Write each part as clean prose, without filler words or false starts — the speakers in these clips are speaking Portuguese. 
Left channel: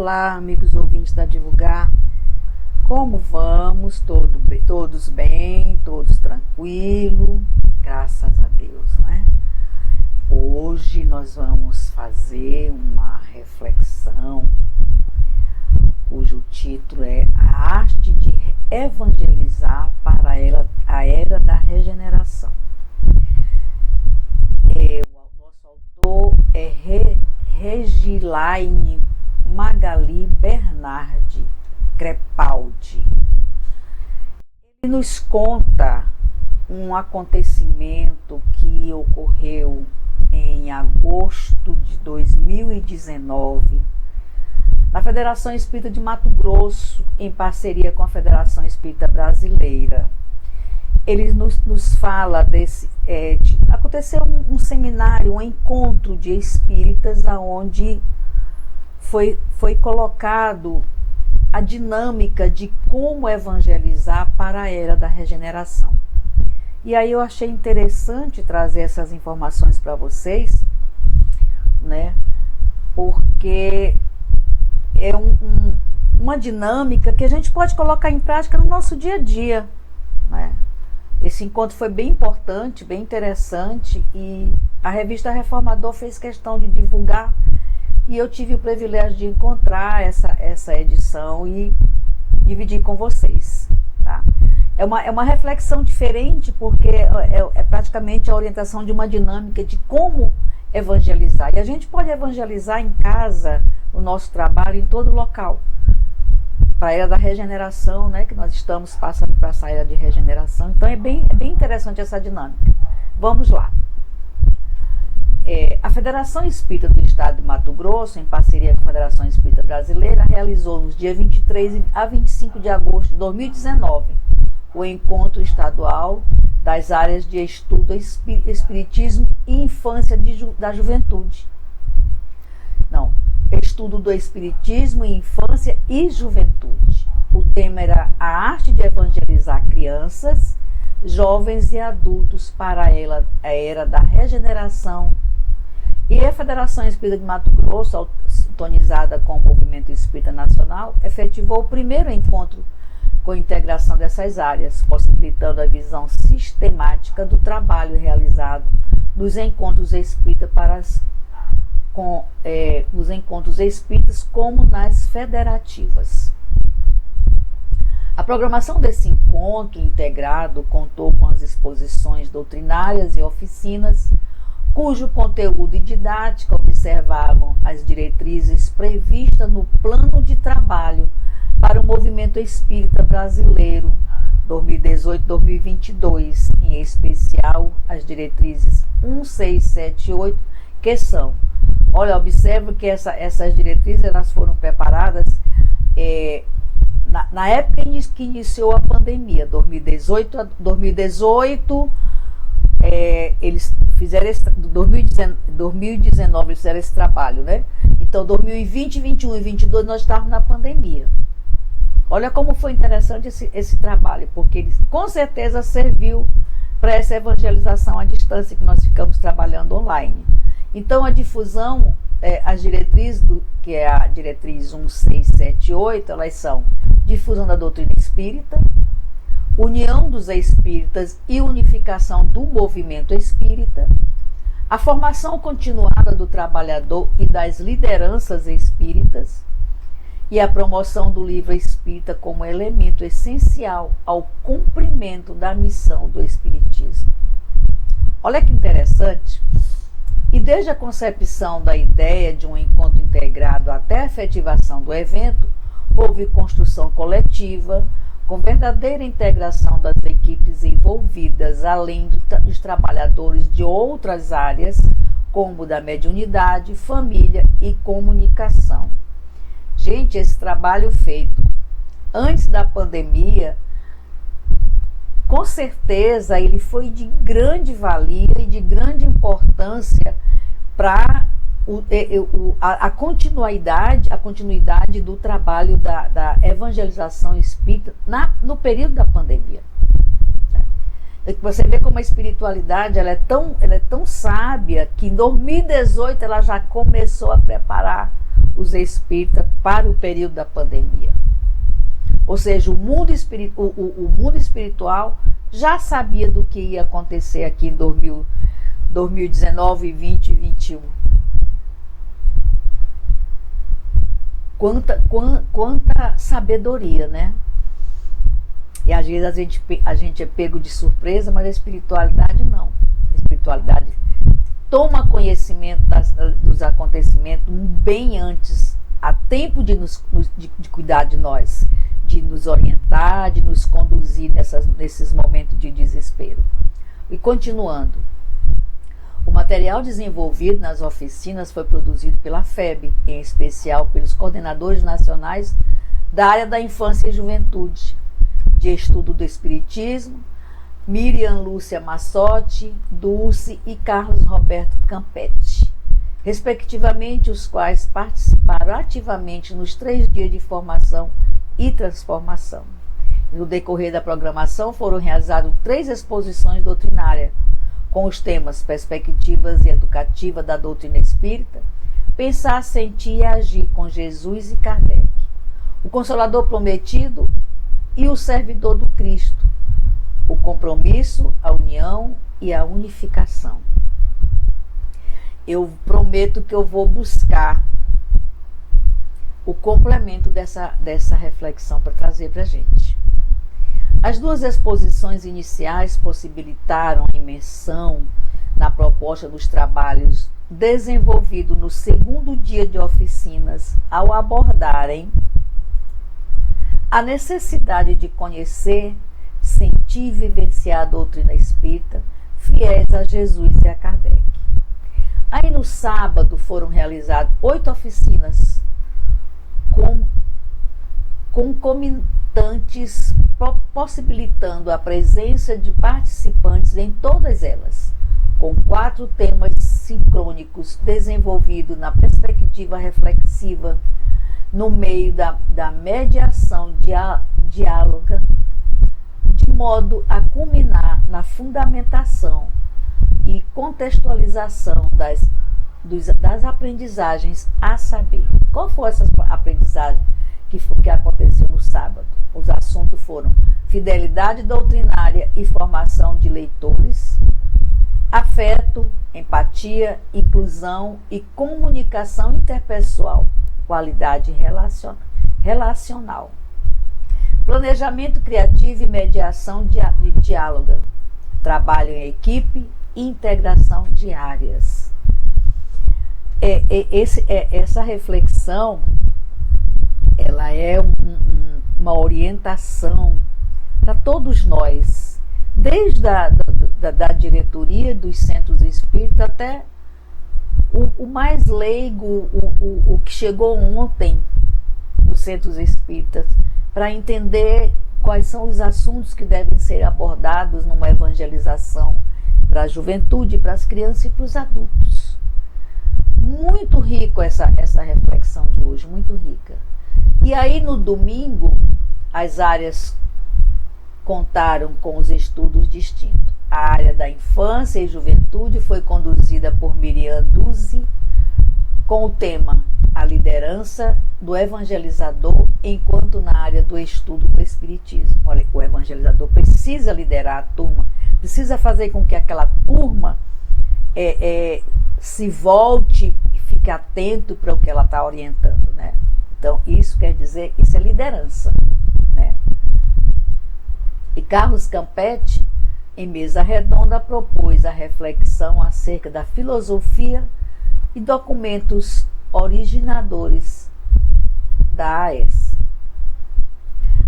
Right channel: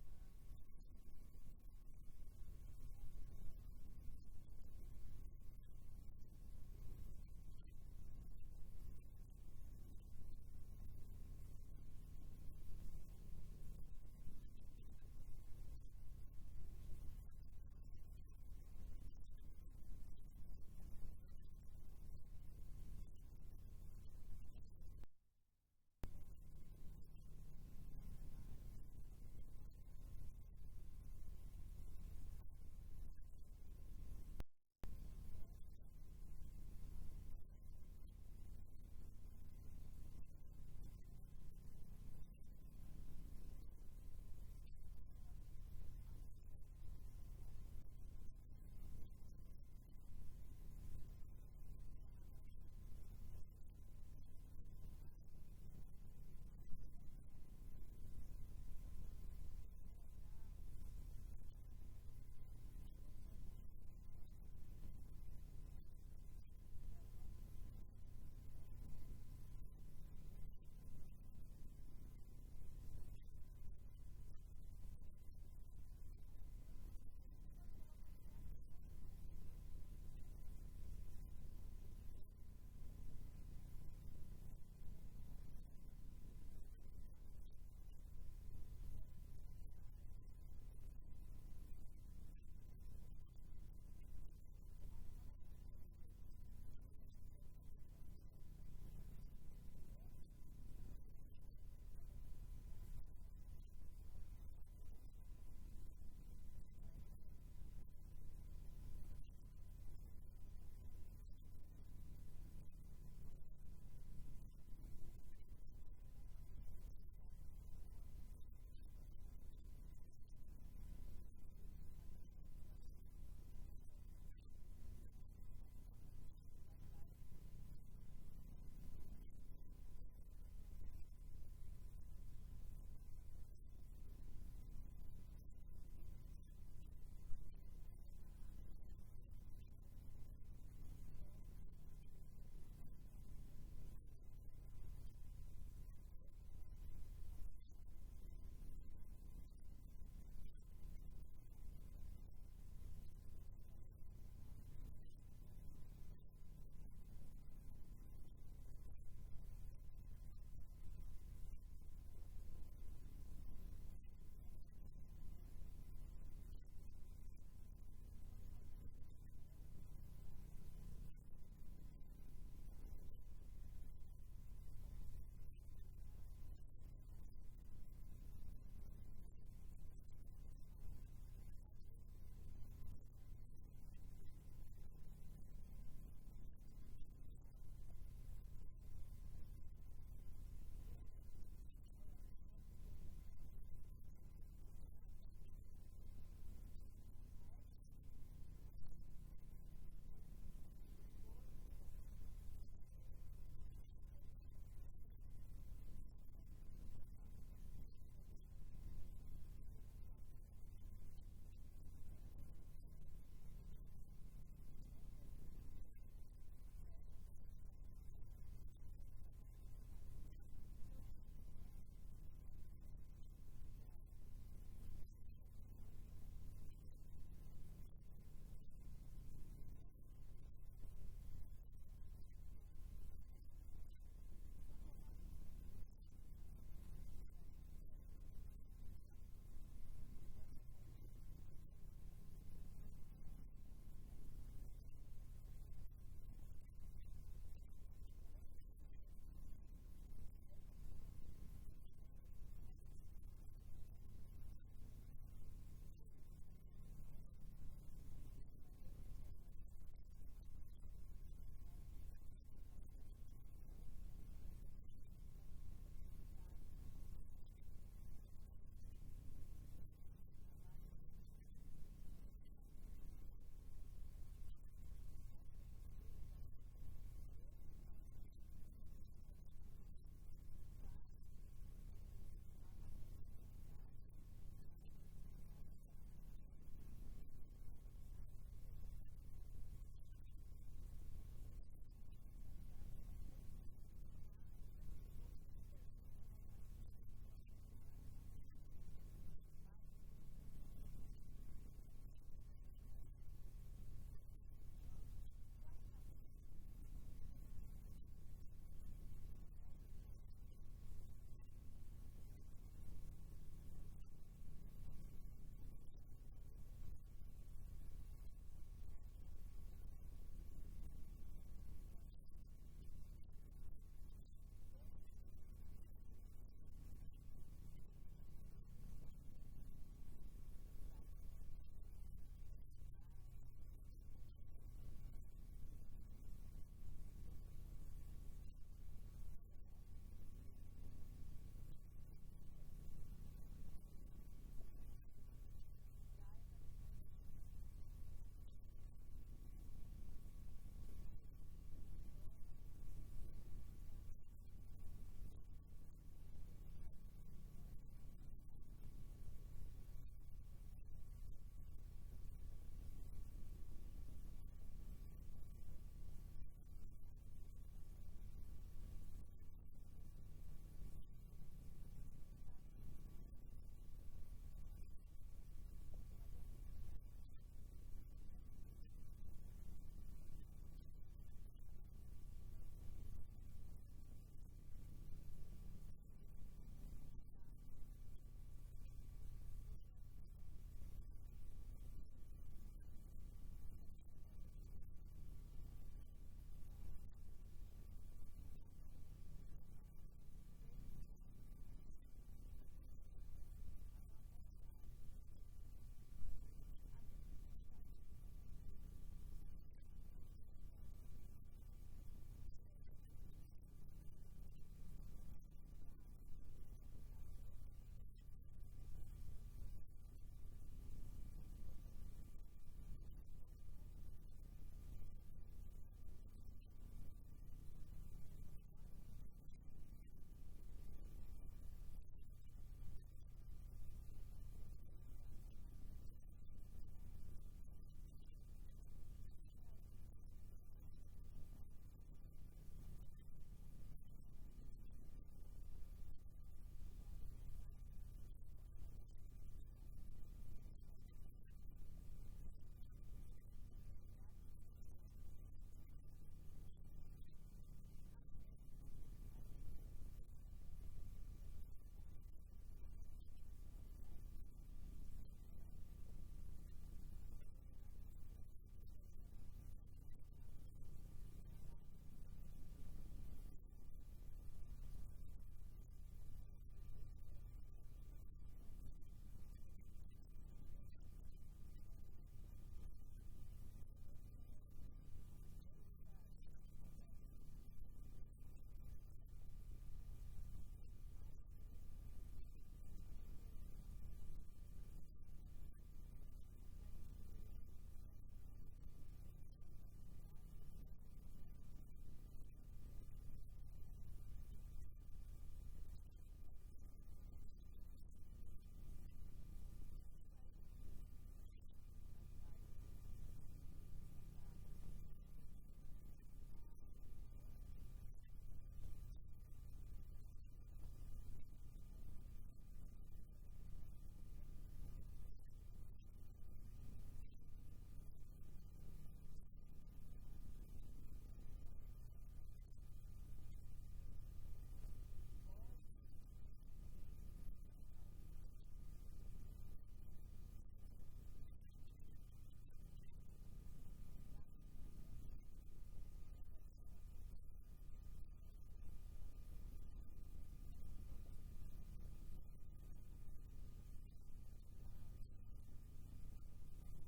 Olá, amigos ouvintes da Divulgar. Como vamos? Todos bem? Todos tranquilo? Graças a Deus, né? Hoje nós vamos fazer uma reflexão cujo título é A Arte de Evangelizar para a Era da Regeneração. O nosso autor é Regilaine Magali Bernardi Crepaldi. Ele nos conta um acontecimento que ocorreu em agosto de 2019 na Federação Espírita de Mato Grosso, em parceria com a Federação Espírita Brasileira. Ele nos fala desse... aconteceu um seminário, um encontro de espíritas, onde foi colocado a dinâmica de como evangelizar para a Era da Regeneração. E aí eu achei interessante trazer essas informações para vocês, né? Porque é uma dinâmica que a gente pode colocar em prática no nosso dia a dia, né? Esse encontro foi bem importante, bem interessante, e a revista Reformador fez questão de divulgar, e eu tive o privilégio de encontrar essa edição e dividir com vocês, tá? É uma reflexão diferente, porque é praticamente a orientação de uma dinâmica de como evangelizar. E a gente pode evangelizar em casa, no nosso trabalho, em todo local. Para a Era da Regeneração, né, que nós estamos passando para essa Era de Regeneração. Então é bem interessante essa dinâmica. Vamos lá. A Federação Espírita do Estado de Mato Grosso, em parceria com a Federação Espírita Brasileira, realizou nos dias 23 a 25 de agosto de 2019 o encontro estadual das áreas de estudo Espiritismo e Infância da Juventude. Não, estudo do Espiritismo e Infância e Juventude. O tema era a arte de evangelizar crianças, jovens e adultos para a Era da Regeneração. E a Federação Espírita de Mato Grosso, sintonizada com o Movimento Espírita Nacional, efetivou o primeiro encontro com a integração dessas áreas, possibilitando a visão sistemática do trabalho realizado nos encontros espíritas nos encontros espíritas como nas federativas. A programação desse encontro integrado contou com as exposições doutrinárias e oficinas, cujo conteúdo e didática observavam as diretrizes previstas no Plano de Trabalho para o Movimento Espírita Brasileiro 2018-2022, em especial as diretrizes 1678, que são... Olha, observa que essas diretrizes elas foram preparadas na época que iniciou a pandemia, 2018, eles fizeram 2019 eles fizeram esse trabalho, né? Então 2020, 21 e 22 nós estávamos na pandemia. Olha como foi interessante esse trabalho, porque ele com certeza serviu para essa evangelização à distância que nós ficamos trabalhando online. Então a difusão, as diretrizes, que é a diretriz 1678, elas são difusão da doutrina espírita, união dos espíritas e unificação do movimento espírita, a formação continuada do trabalhador e das lideranças espíritas, e a promoção do livro espírita como elemento essencial ao cumprimento da missão do espiritismo. Olha que interessante. E desde a concepção da ideia de um encontro integrado até a efetivação do evento, houve construção coletiva, com verdadeira integração das equipes envolvidas, além dos trabalhadores de outras áreas, como da mediunidade, família e comunicação. Gente, esse trabalho feito antes da pandemia, com certeza ele foi de grande valia e de grande importância para a continuidade do trabalho da evangelização espírita no período da pandemia. Você vê como a espiritualidade ela é tão sábia que em 2018 ela já começou a preparar os espíritas para o período da pandemia. Ou seja, o mundo espiritual já sabia do que ia acontecer aqui em 2019, 20 e 21. Quanta sabedoria, né? E às vezes a gente é pego de surpresa, mas a espiritualidade não. A espiritualidade toma conhecimento dos acontecimentos bem antes, a tempo de cuidar de nós, de nos orientar, de nos conduzir nesses momentos de desespero. E continuando, o material desenvolvido nas oficinas foi produzido pela FEB, em especial pelos coordenadores nacionais da área da infância e juventude, de estudo do espiritismo, Miriam Lúcia Massotti, Dulce e Carlos Roberto Campetti, respectivamente, os quais participaram ativamente nos 3 dias de formação e transformação. No decorrer da programação foram realizadas 3 exposições doutrinárias, com os temas Perspectivas e Educativa da Doutrina Espírita, Pensar, Sentir e Agir com Jesus e Kardec, O Consolador Prometido e o Servidor do Cristo, o compromisso, a união e a unificação. Eu prometo que eu vou buscar o complemento dessa reflexão para trazer para a gente. As 2 exposições iniciais possibilitaram a imersão na proposta dos trabalhos desenvolvidos no 2º dia de oficinas, ao abordarem a necessidade de conhecer, sentir e vivenciar a doutrina espírita, fiéis a Jesus e a Kardec. Aí no sábado foram realizadas 8 oficinas concomitantes, possibilitando a presença de participantes em todas elas, com 4 temas sincrônicos desenvolvidos na perspectiva reflexiva, no meio da mediação diáloga, de modo a culminar na fundamentação e contextualização das aprendizagens a saber. Qual foi essa aprendizagem que aconteceu no sábado? Os assuntos foram fidelidade doutrinária e formação de leitores, afeto, empatia, inclusão e comunicação interpessoal, qualidade relacional, planejamento criativo e mediação diáloga, trabalho em equipe e integração de áreas. Essa reflexão, ela é uma orientação para todos nós, desde da diretoria dos centros espíritas até o mais leigo, o que chegou ontem dos centros espíritas, para entender quais são os assuntos que devem ser abordados numa evangelização para a juventude, para as crianças e para os adultos. Muito rico essa reflexão de hoje, muito rica. E aí no domingo, as áreas contaram com os estudos distintos. A área da infância e juventude foi conduzida por Miriam Dulce, com o tema A Liderança do Evangelizador, enquanto na área do estudo do Espiritismo. Olha, o evangelizador precisa liderar a turma, precisa fazer com que aquela turma se volte e fique atento para o que ela está orientando, né? Então, isso quer dizer, isso é liderança, né? E Carlos Campetti, em mesa redonda, propôs a reflexão acerca da filosofia e documentos originadores da AES.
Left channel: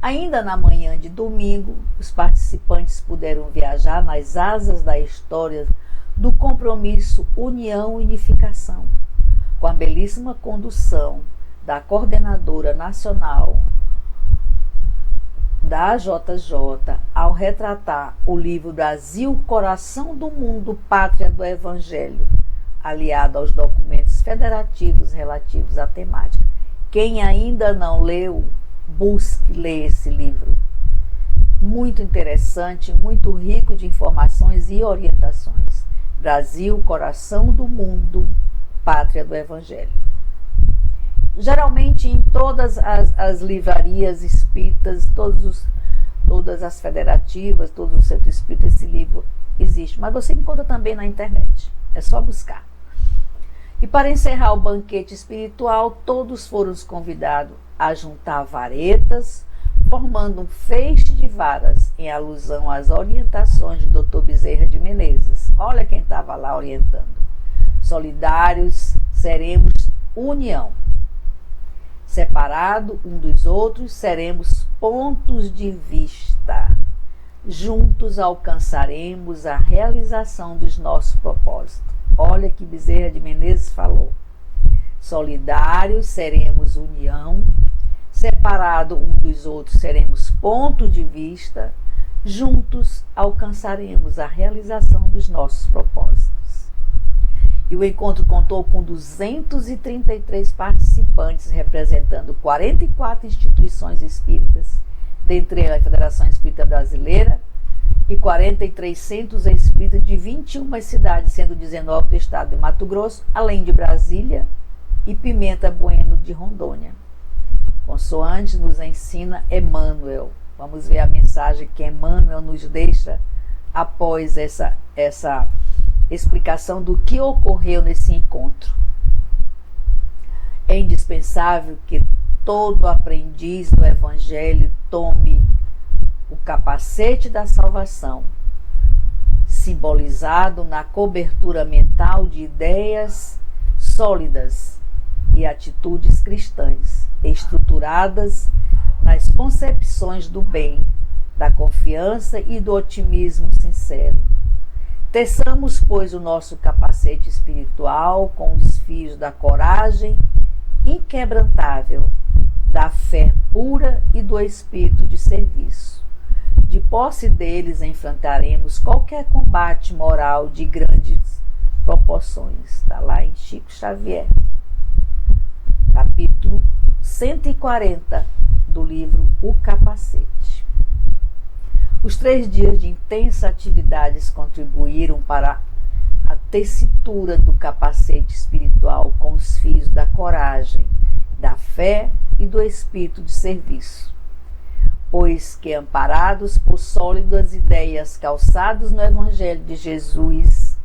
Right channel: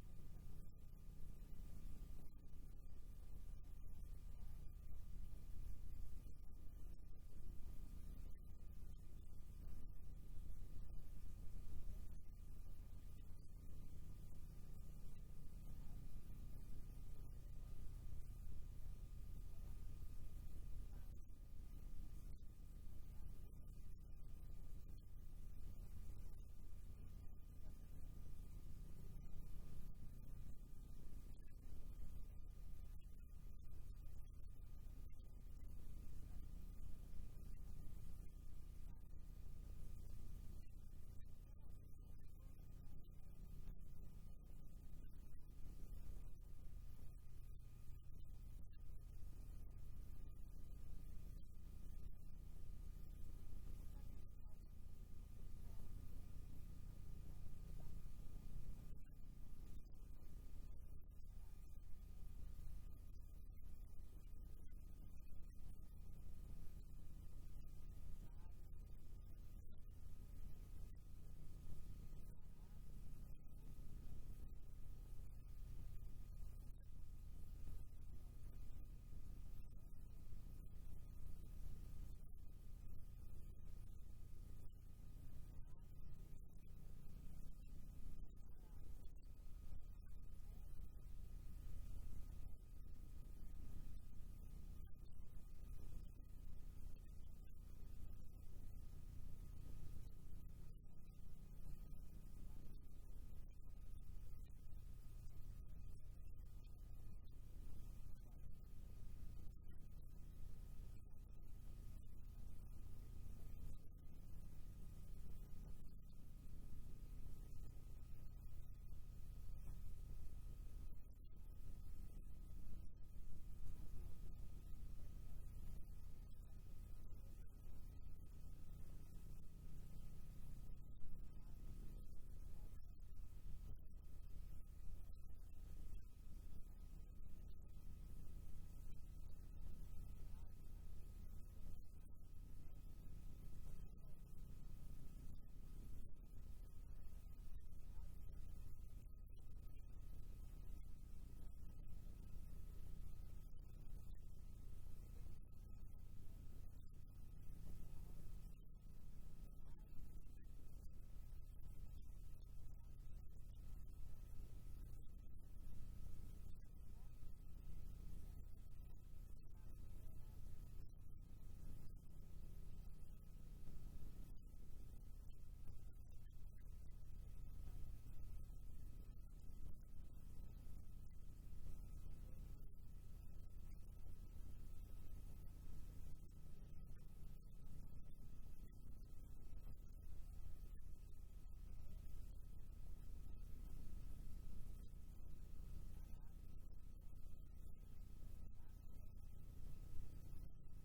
Ainda na manhã de domingo, os participantes puderam viajar nas asas da história do compromisso União e Unificação, com a belíssima condução da coordenadora nacional da AJJ, ao retratar o livro Brasil, Coração do Mundo, Pátria do Evangelho, aliado aos documentos federativos relativos à temática. Quem ainda não leu, busque ler esse livro. Muito interessante, muito rico de informações e orientações. Brasil, Coração do Mundo, Pátria do Evangelho. geralmente em todas as livrarias espíritas, todas as federativas, todos os centros espíritas, esse livro existe. Mas você encontra também na internet. É só buscar. E para encerrar o banquete espiritual, todos foram convidados a juntar varetas, formando um feixe de varas, em alusão às orientações de Dr. Bezerra de Menezes. Olha quem estava lá orientando. Solidários seremos união. Separado um dos outros, seremos pontos de vista. Juntos alcançaremos a realização dos nossos propósitos. Olha que Bezerra de Menezes falou. Solidários seremos união. Separado um dos outros, seremos ponto de vista. Juntos alcançaremos a realização dos nossos propósitos. E o encontro contou com 233 participantes, representando 44 instituições espíritas, dentre elas a Federação Espírita Brasileira, e 43 centros espíritas de 21 cidades, sendo 19 do estado de Mato Grosso, além de Brasília e Pimenta Bueno de Rondônia. Consoante nos ensina Emmanuel. Vamos ver a mensagem que Emmanuel nos deixa após essa explicação do que ocorreu nesse encontro. É indispensável que todo aprendiz do Evangelho tome o capacete da salvação, simbolizado na cobertura mental de ideias sólidas e atitudes cristãs, estruturadas nas concepções do bem, da confiança e do otimismo sincero. Teçamos, pois, o nosso capacete espiritual com os fios da coragem inquebrantável, da fé pura e do espírito de serviço. De posse deles enfrentaremos qualquer combate moral de grandes proporções. Está lá em Chico Xavier, capítulo 140 do livro O Capacete. Os 3 dias de intensa atividades contribuíram para a tessitura do capacete espiritual com os fios da coragem, da fé e do espírito de serviço. Pois que, amparados por sólidas ideias calçados no Evangelho de Jesus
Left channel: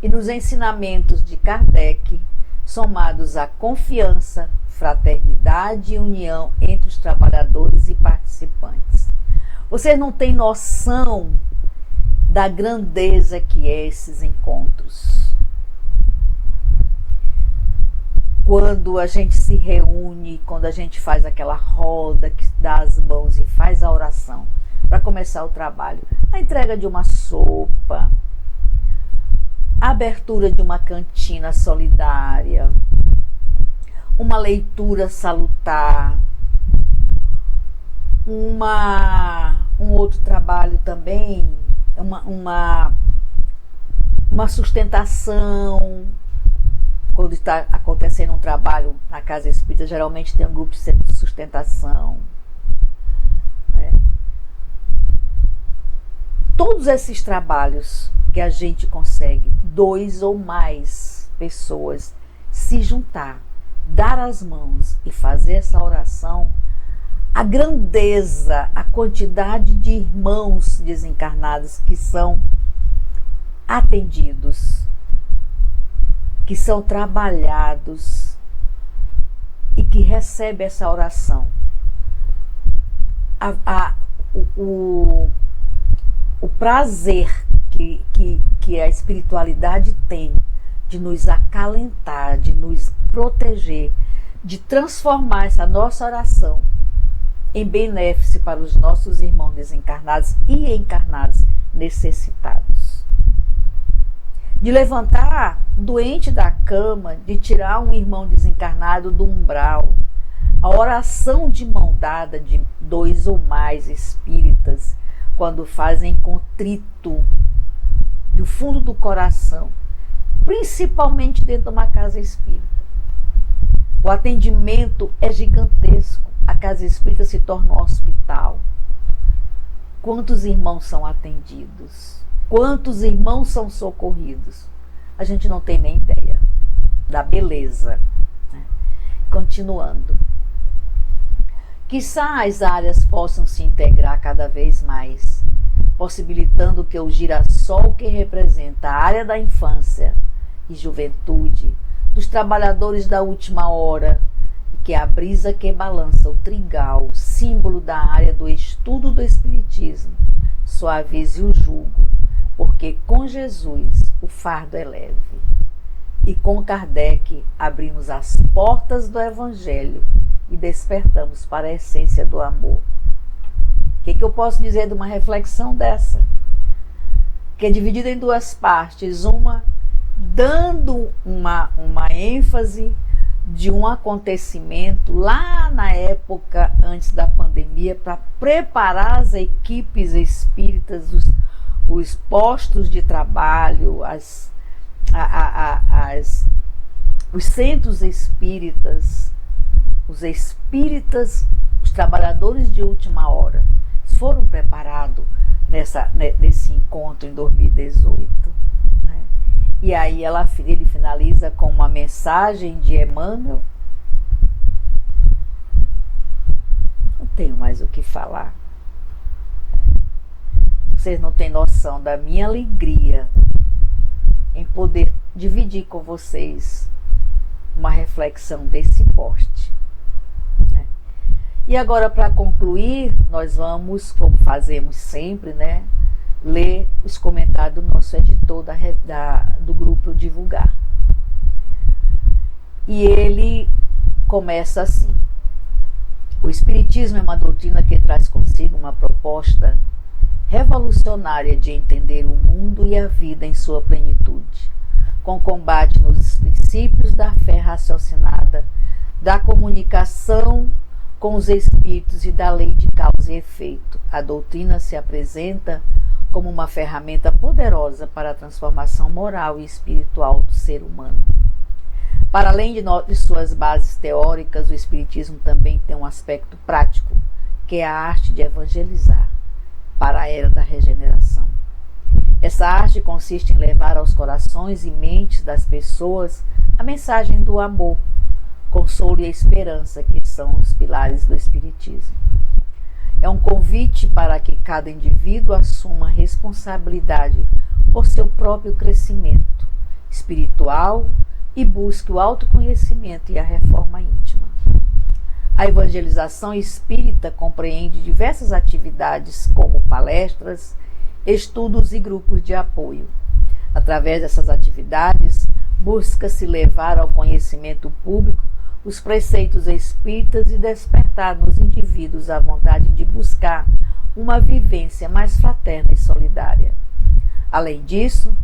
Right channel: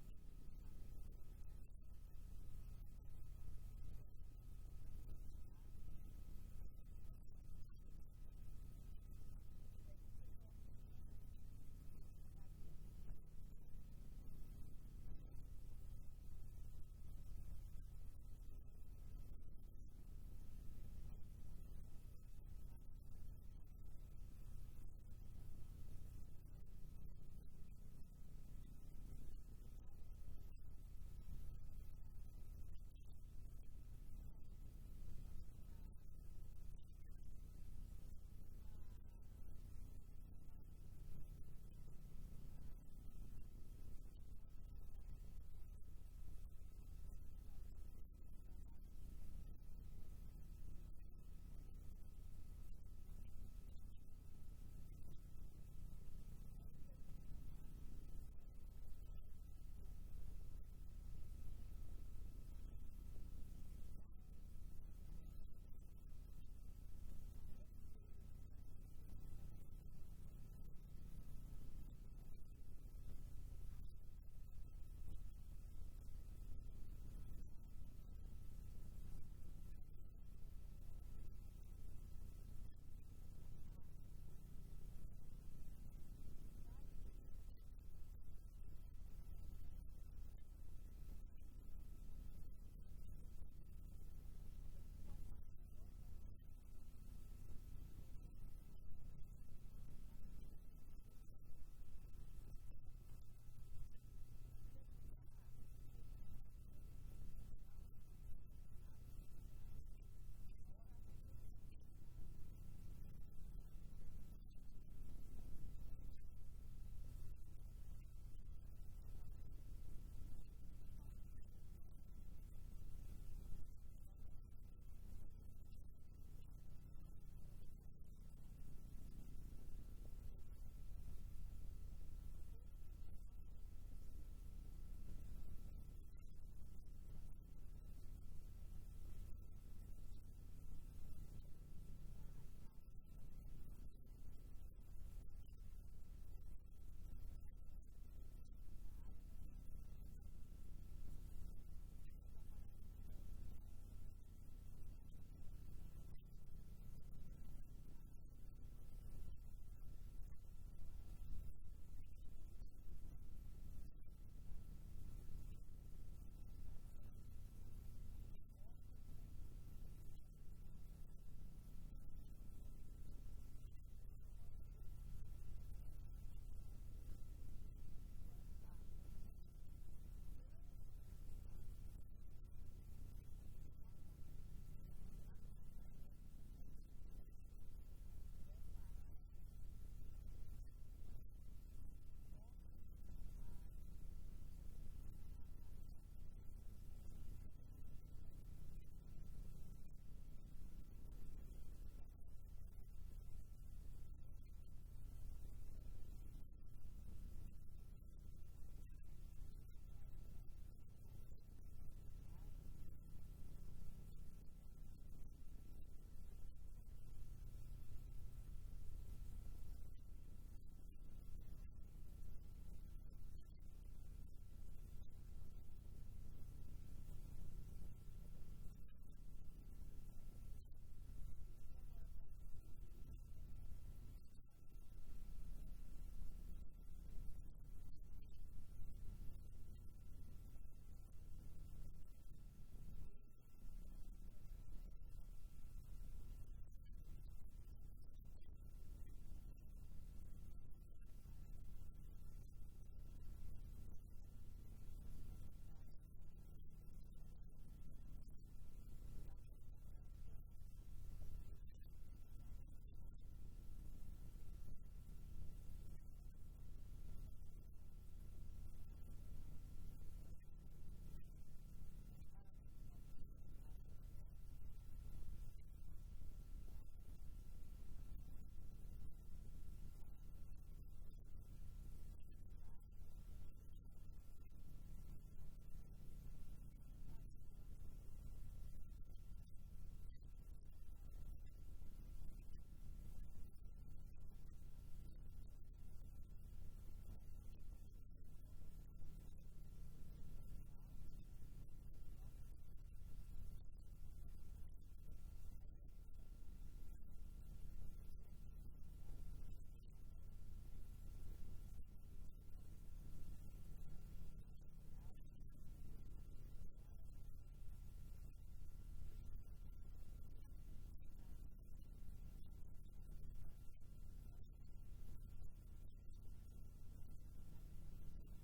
e nos ensinamentos de Kardec, somados à confiança, fraternidade e união entre os trabalhadores e participantes. Vocês não têm noção da grandeza que é esses encontros. Quando a gente se reúne, quando a gente faz aquela roda que dá as mãos e faz a oração para começar o trabalho, a entrega de uma sopa, a abertura de uma cantina solidária, uma leitura salutar, um outro trabalho também, uma sustentação. Quando está acontecendo um trabalho na casa espírita, geralmente tem um grupo de sustentação, né? Todos esses trabalhos que a gente consegue, 2 ou mais pessoas se juntar, dar as mãos e fazer essa oração, a grandeza, a quantidade de irmãos desencarnados que são atendidos, que são trabalhados e que recebem essa oração. O prazer que a espiritualidade tem de nos acalentar, de nos proteger, de transformar essa nossa oração em benefício para os nossos irmãos desencarnados e encarnados necessitados. De levantar doente da cama, de tirar um irmão desencarnado do umbral. A oração de mão dada de 2 ou mais espíritas, quando fazem contrito do fundo do coração, principalmente dentro de uma casa espírita. O atendimento é gigantesco. A casa espírita se torna um hospital. Quantos irmãos são atendidos? Quantos irmãos são socorridos? A gente não tem nem ideia da beleza, né? continuando. Quiçá as áreas possam se integrar cada vez mais, possibilitando que o girassol que representa a área da infância e juventude, dos trabalhadores da última hora, e que é a brisa que balança o trigal, símbolo da área do estudo do Espiritismo, suavize o jugo, porque com Jesus o fardo é leve. E com Kardec abrimos as portas do Evangelho e despertamos para a essência do amor. O que eu posso dizer de uma reflexão dessa? Que é dividida em duas partes. Uma dando uma ênfase de um acontecimento lá na época antes da pandemia para preparar as equipes espíritas, os postos de trabalho, os centros espíritas, os espíritas, os trabalhadores de última hora, foram preparados nesse encontro em 2018. Né? E aí ele finaliza com uma mensagem de Emmanuel. Não tenho mais o que falar. Vocês não têm noção da minha alegria em poder dividir com vocês uma reflexão desse porte. Né? E agora, para concluir, nós vamos, como fazemos sempre, né, ler os comentários do nosso editor do grupo Divulgar. E ele começa assim: o Espiritismo é uma doutrina que traz consigo uma proposta revolucionária de entender o mundo e a vida em sua plenitude, com combate nos princípios da fé raciocinada, da comunicação com os espíritos e da lei de causa e efeito. A doutrina se apresenta como uma ferramenta poderosa para a transformação moral e espiritual do ser humano. Para além de suas bases teóricas, o Espiritismo também tem um aspecto prático, que é a arte de evangelizar para a era da regeneração. Essa arte consiste em levar aos corações e mentes das pessoas a mensagem do amor, consolo e a esperança, que são os pilares do Espiritismo. É um convite para que cada indivíduo assuma a responsabilidade por seu próprio crescimento espiritual e busque o autoconhecimento e a reforma íntima. A evangelização espírita compreende diversas atividades, como palestras, estudos e grupos de apoio. Através dessas atividades, busca-se levar ao conhecimento público os preceitos espíritas e despertar nos indivíduos a vontade de buscar uma vivência mais fraterna e solidária. Além disso,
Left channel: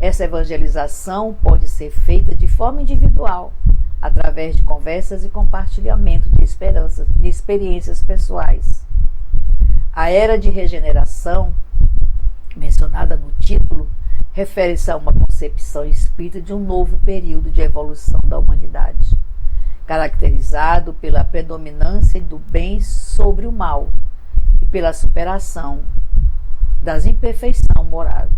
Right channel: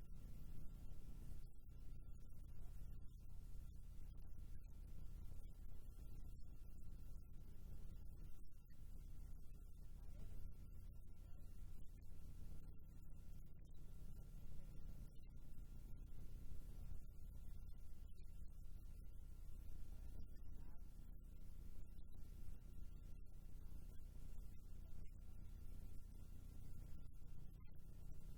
essa evangelização pode ser feita de forma individual, através de conversas e compartilhamento de experiências pessoais. A era de regeneração, mencionada no título, refere-se a uma concepção espírita de um novo período de evolução da humanidade, caracterizado pela predominância do bem sobre o mal e pela superação das imperfeições morais.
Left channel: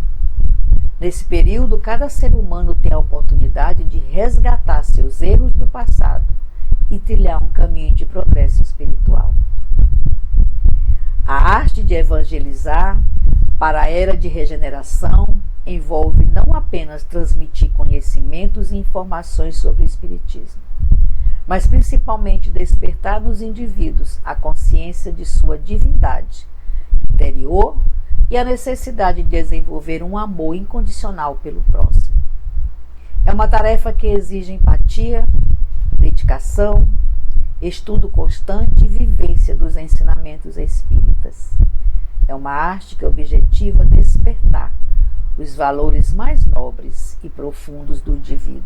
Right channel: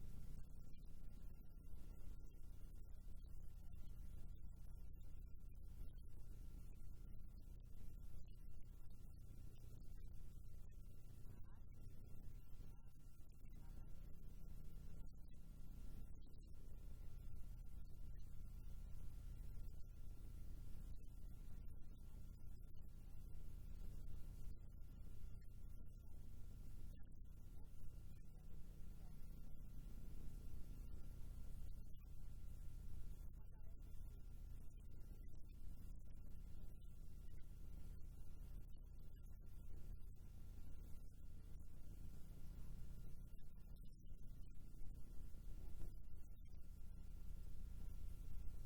Nesse período, cada ser humano tem a oportunidade de resgatar seus erros do passado e trilhar um caminho de progresso espiritual. A arte de evangelizar para a era de regeneração envolve não apenas transmitir conhecimentos e informações sobre o Espiritismo, mas principalmente despertar nos indivíduos a consciência de sua divindade interior e a necessidade de desenvolver um amor incondicional pelo próximo. É uma tarefa que exige empatia, dedicação, estudo constante e vivência dos ensinamentos espíritas. É uma arte que objetiva despertar os valores mais nobres e profundos do indivíduo,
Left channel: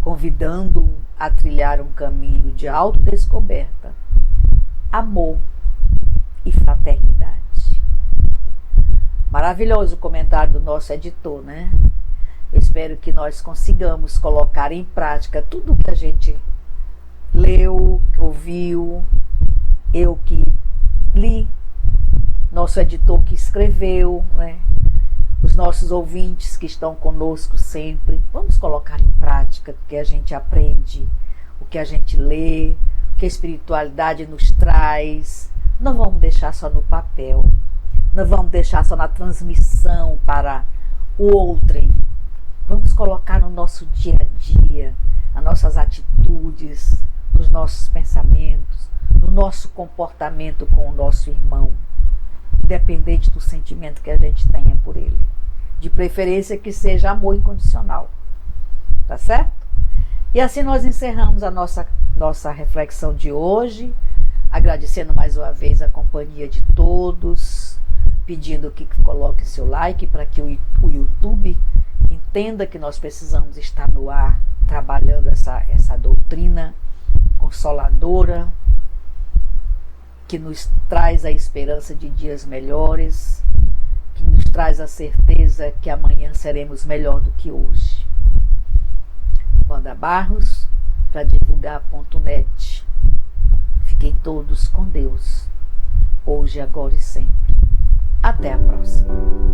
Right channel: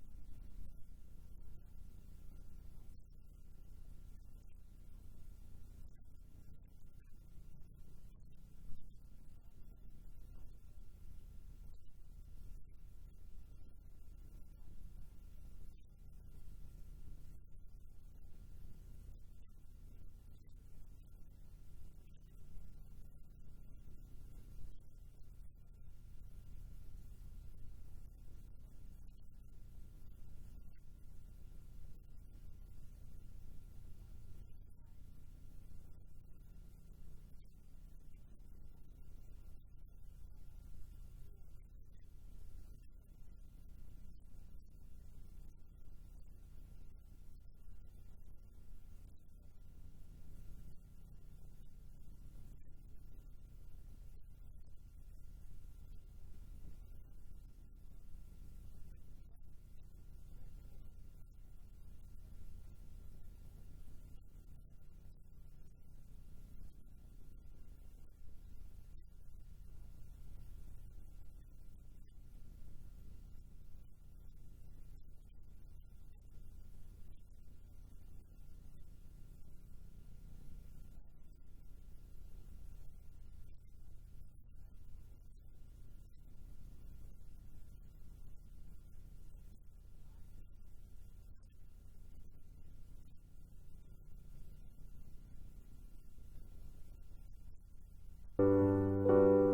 convidando-o a trilhar um caminho de autodescoberta, amor e fraternidade. Maravilhoso o comentário do nosso editor, né? Eu espero que nós consigamos colocar em prática tudo que a gente leu, ouviu, eu que li, nosso editor que escreveu, né? Os nossos ouvintes que estão conosco sempre. Vamos colocar em prática o que a gente aprende, o que a gente lê, o que a espiritualidade nos traz. Não vamos deixar só no papel, não vamos deixar só na transmissão para o outrem. Vamos colocar no nosso dia a dia, nas nossas atitudes, nos nossos pensamentos, no nosso comportamento com o nosso irmão, independente do sentimento que a gente tenha por ele. De preferência que seja amor incondicional. Tá certo? E assim nós encerramos a nossa reflexão de hoje, agradecendo mais uma vez a companhia de todos, pedindo que coloque seu like para que o YouTube entenda que nós precisamos estar no ar, trabalhando essa doutrina consoladora, que nos traz a esperança de dias melhores, que nos traz a certeza que amanhã seremos melhor do que hoje. Wanda Barros, para divulgar.net. Fiquem todos com Deus, hoje, agora e sempre. Até a próxima.